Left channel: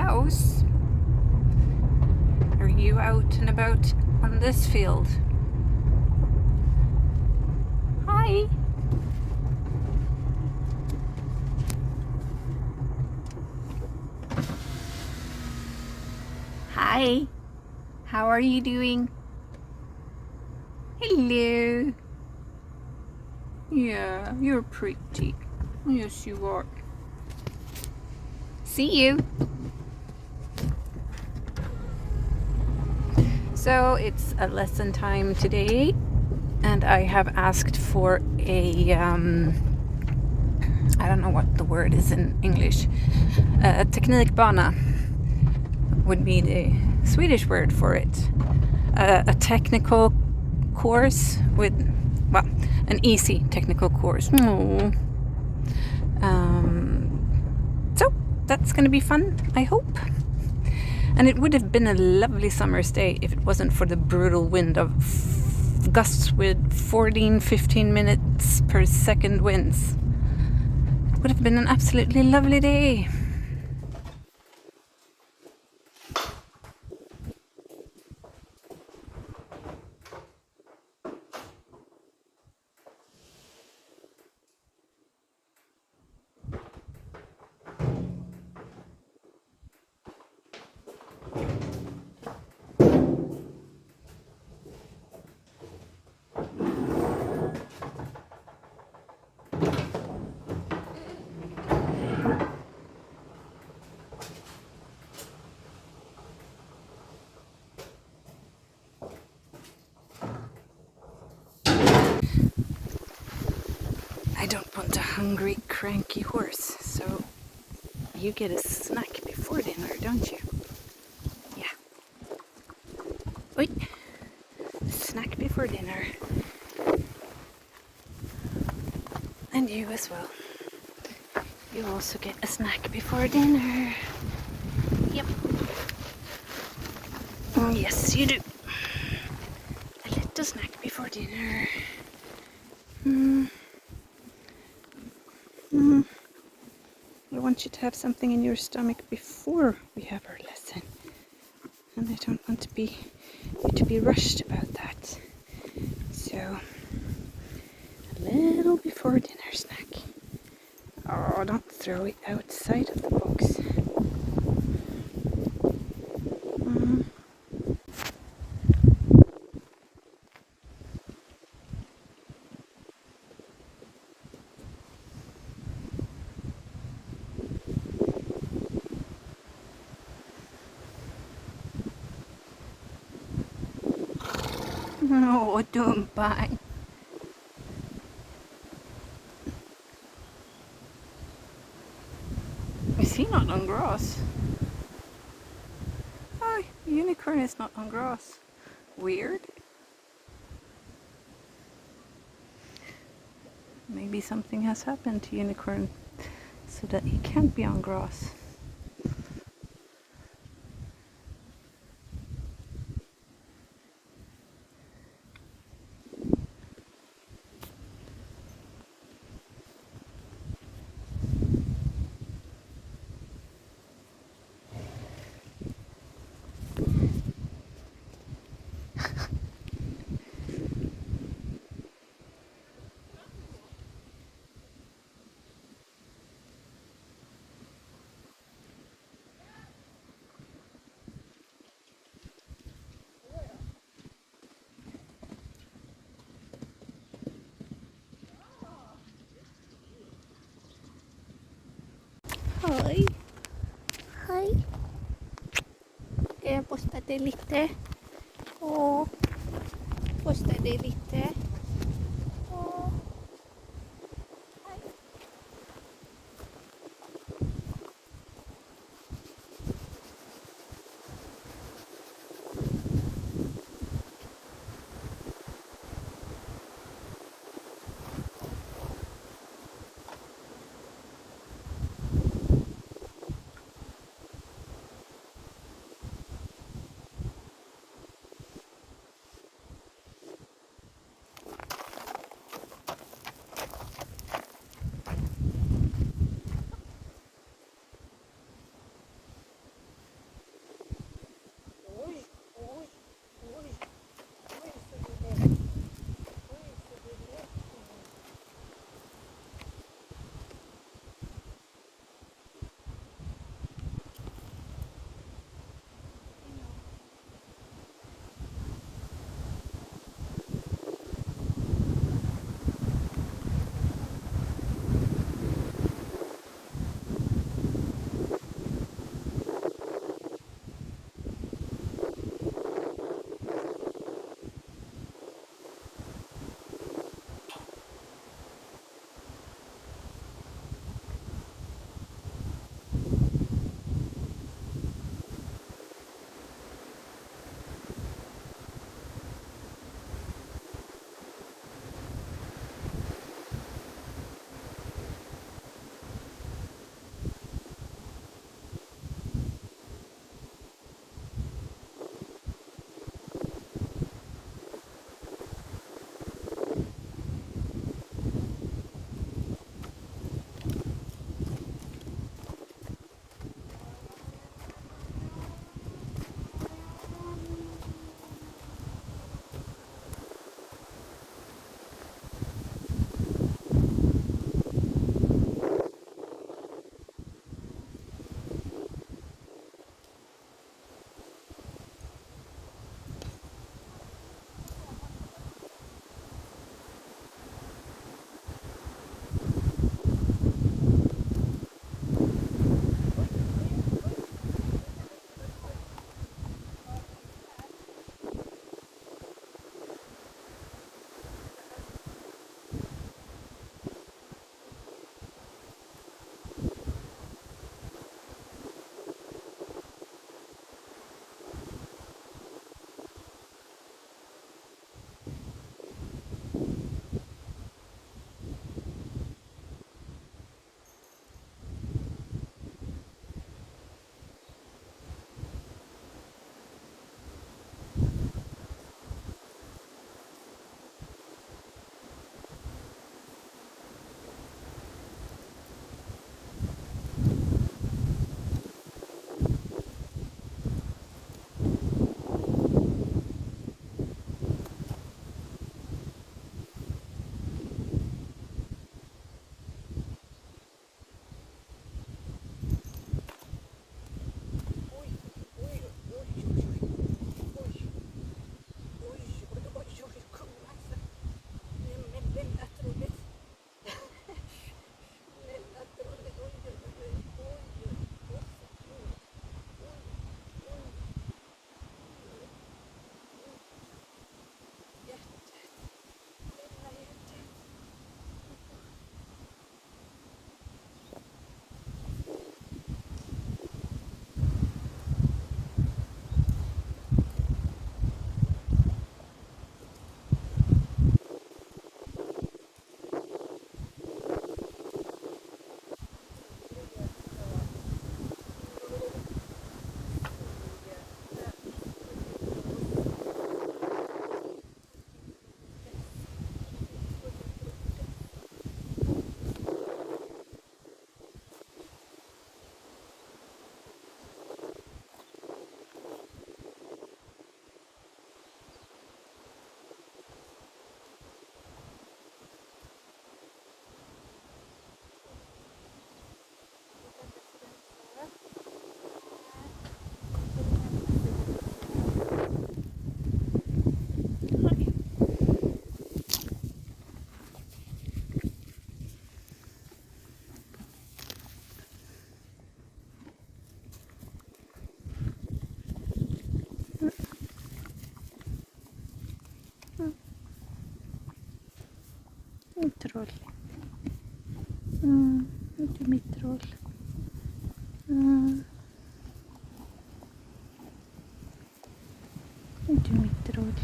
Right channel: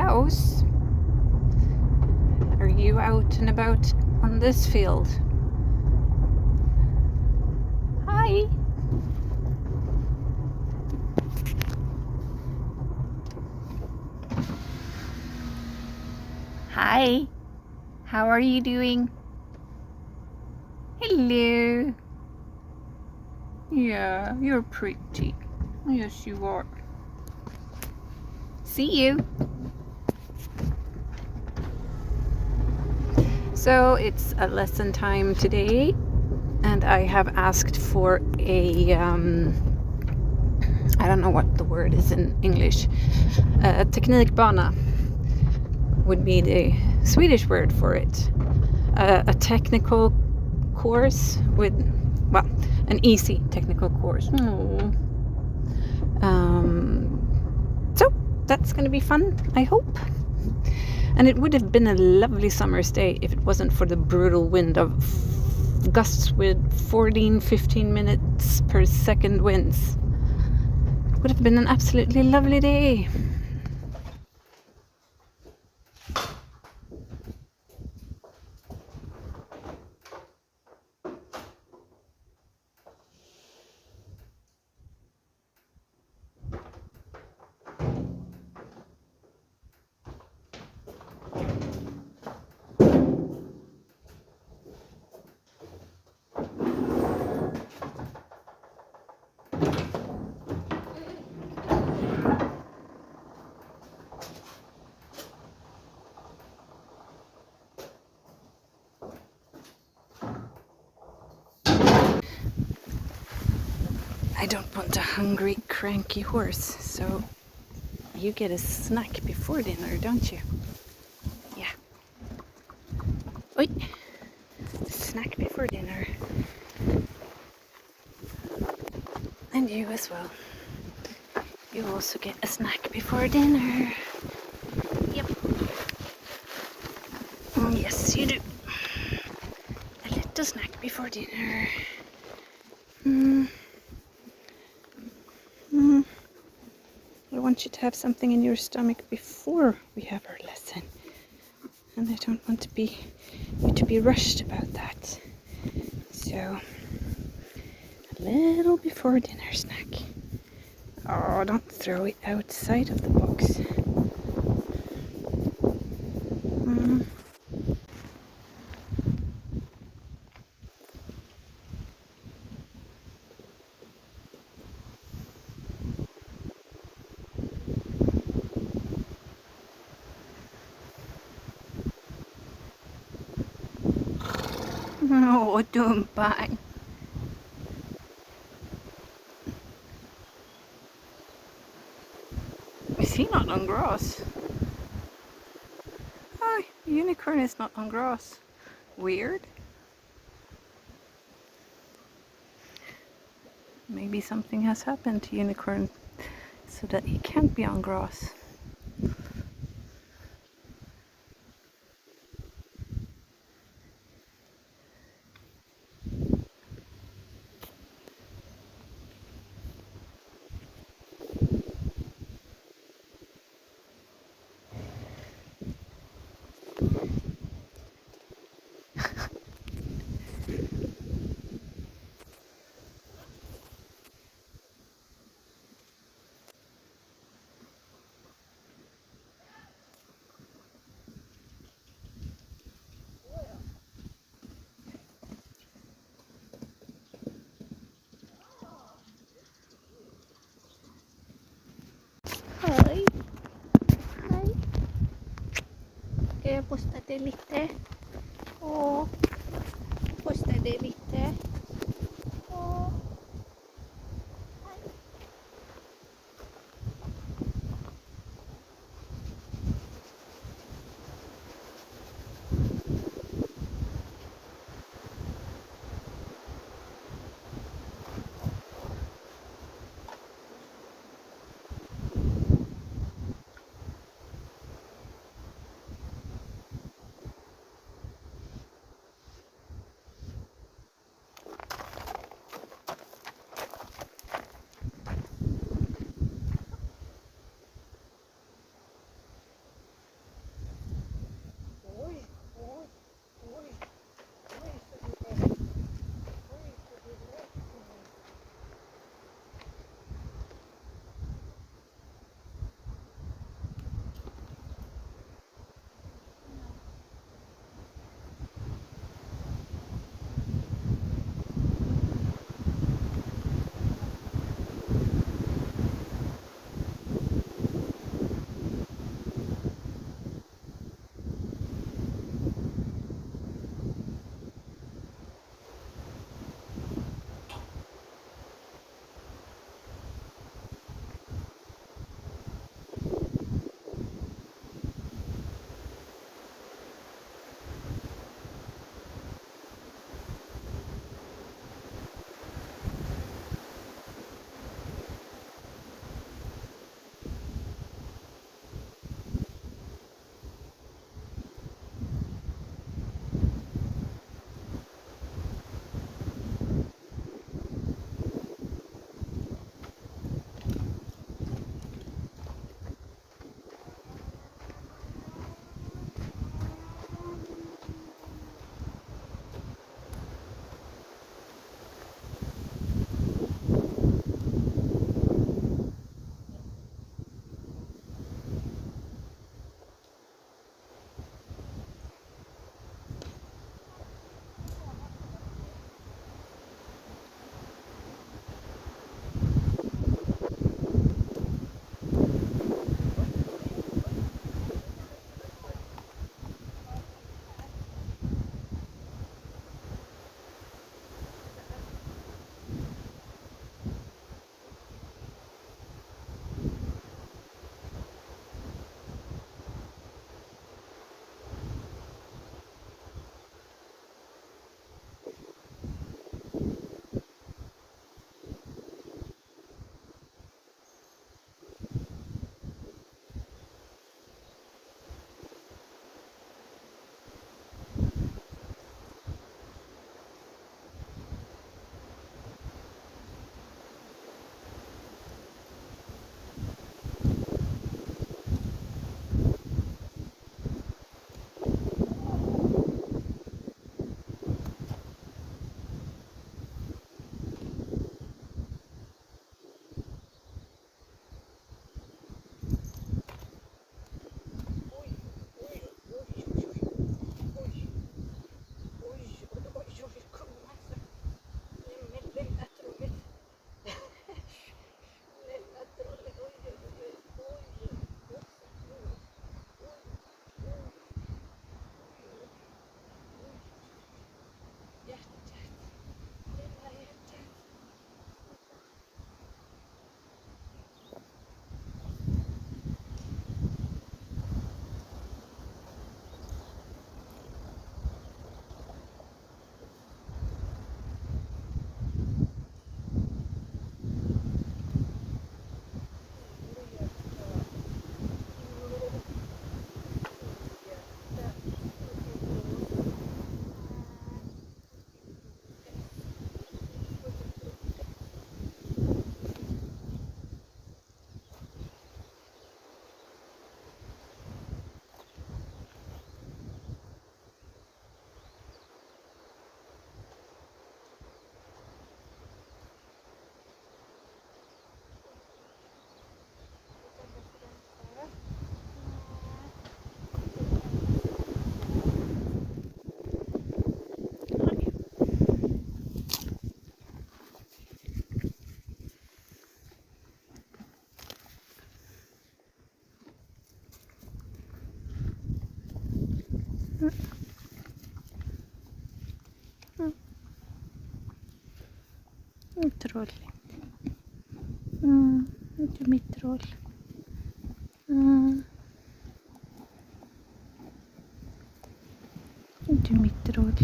house? Are you out and about on this field? Hi. Hi. How are you doing? Hello. Yeah, you're pretty. Yes, you are. See you. So it's a lesson time today, and I have asked for a I don't know what the word is in English. Teknikbana would be the Swedish word for it. A technical course with, well, an easy technical course. So that's going to be fun, I hope. And it would have been a lovely summer's day if it wasn't for the brutal wind of gusts with 14-15 minutes per second winds. It would have been an absolutely lovely day. I don't want a hungry, cranky horse, so you get a snack before dinner, don't you? Yeah. Oi. Snack before dinner. And you as well. You also get a snack before dinner. Yep. Oh, yes, you do. A little snack before dinner. I want you to have something in your stomach before we have our lesson. And I don't want you to be rushed about that. So, a little before dinner snack. Oh, don't throw it outside of the box. No, don't bang. Is he not on grass? Oh, unicorn is not on grass. Weird. Maybe something has happened to unicorn so that he can't be on grass. Hej. Hej. Ska jag posta dig lite? Åh. Posta dig lite. Åh. Du mitt råd.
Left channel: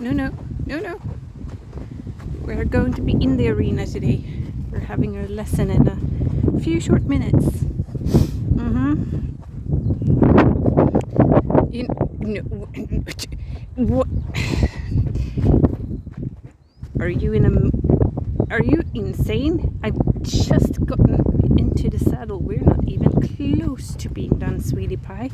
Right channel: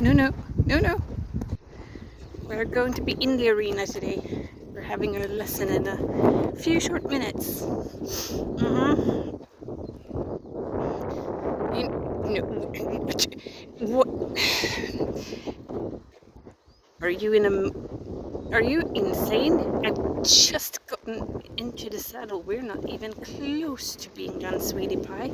No. We're going to be in the arena today. We're having a lesson in a few short minutes. What? Are you insane? I've just gotten into the saddle. We're not even close to being done, sweetie pie.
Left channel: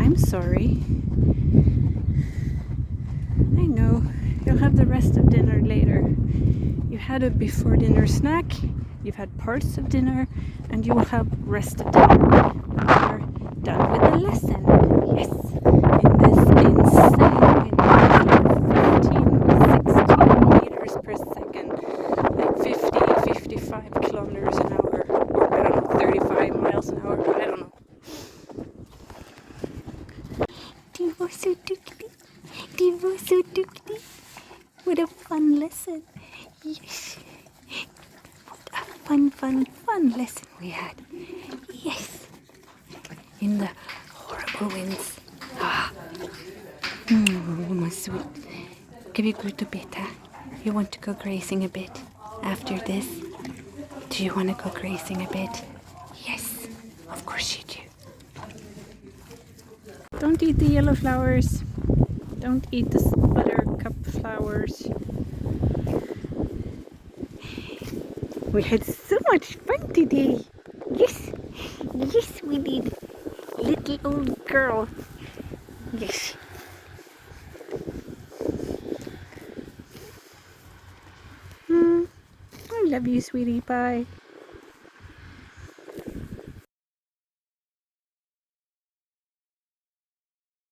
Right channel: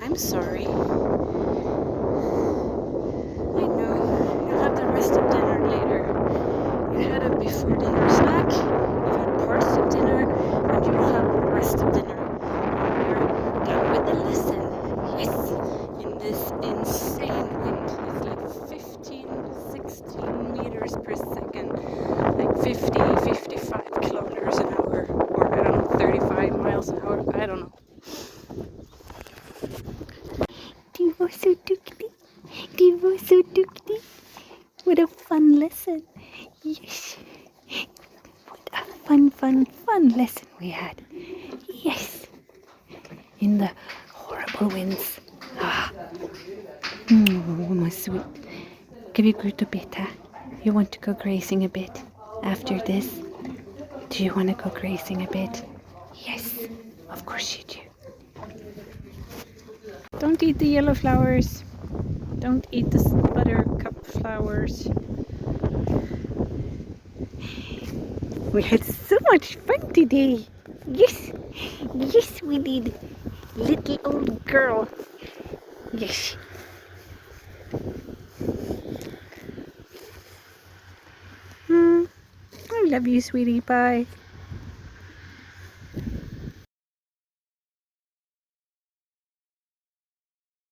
I'm sorry. I know. You'll have the rest of dinner later. You had a before dinner snack, you've had parts of dinner, and you will have the rest of dinner. You're done with the lesson. Yes! In this insane wind, like 15, 16 meters per second, like 50, 55 kilometers an hour, or I don't know, 35 miles an hour, I don't know. Du var så duktig. Du var så duktig. What a fun lesson. Yes. What a fun lesson we had. Yes. In the horrible winds. My sweet. Can we go to bed, huh? You want to go grazing a bit after this? Do you want to go grazing a bit? Yes. Of course you do. Don't eat the yellow flowers. Don't eat the buttercup flowers. We had so much fun today. Yes, we did. Little old girl. Yes. I love you, sweetie pie.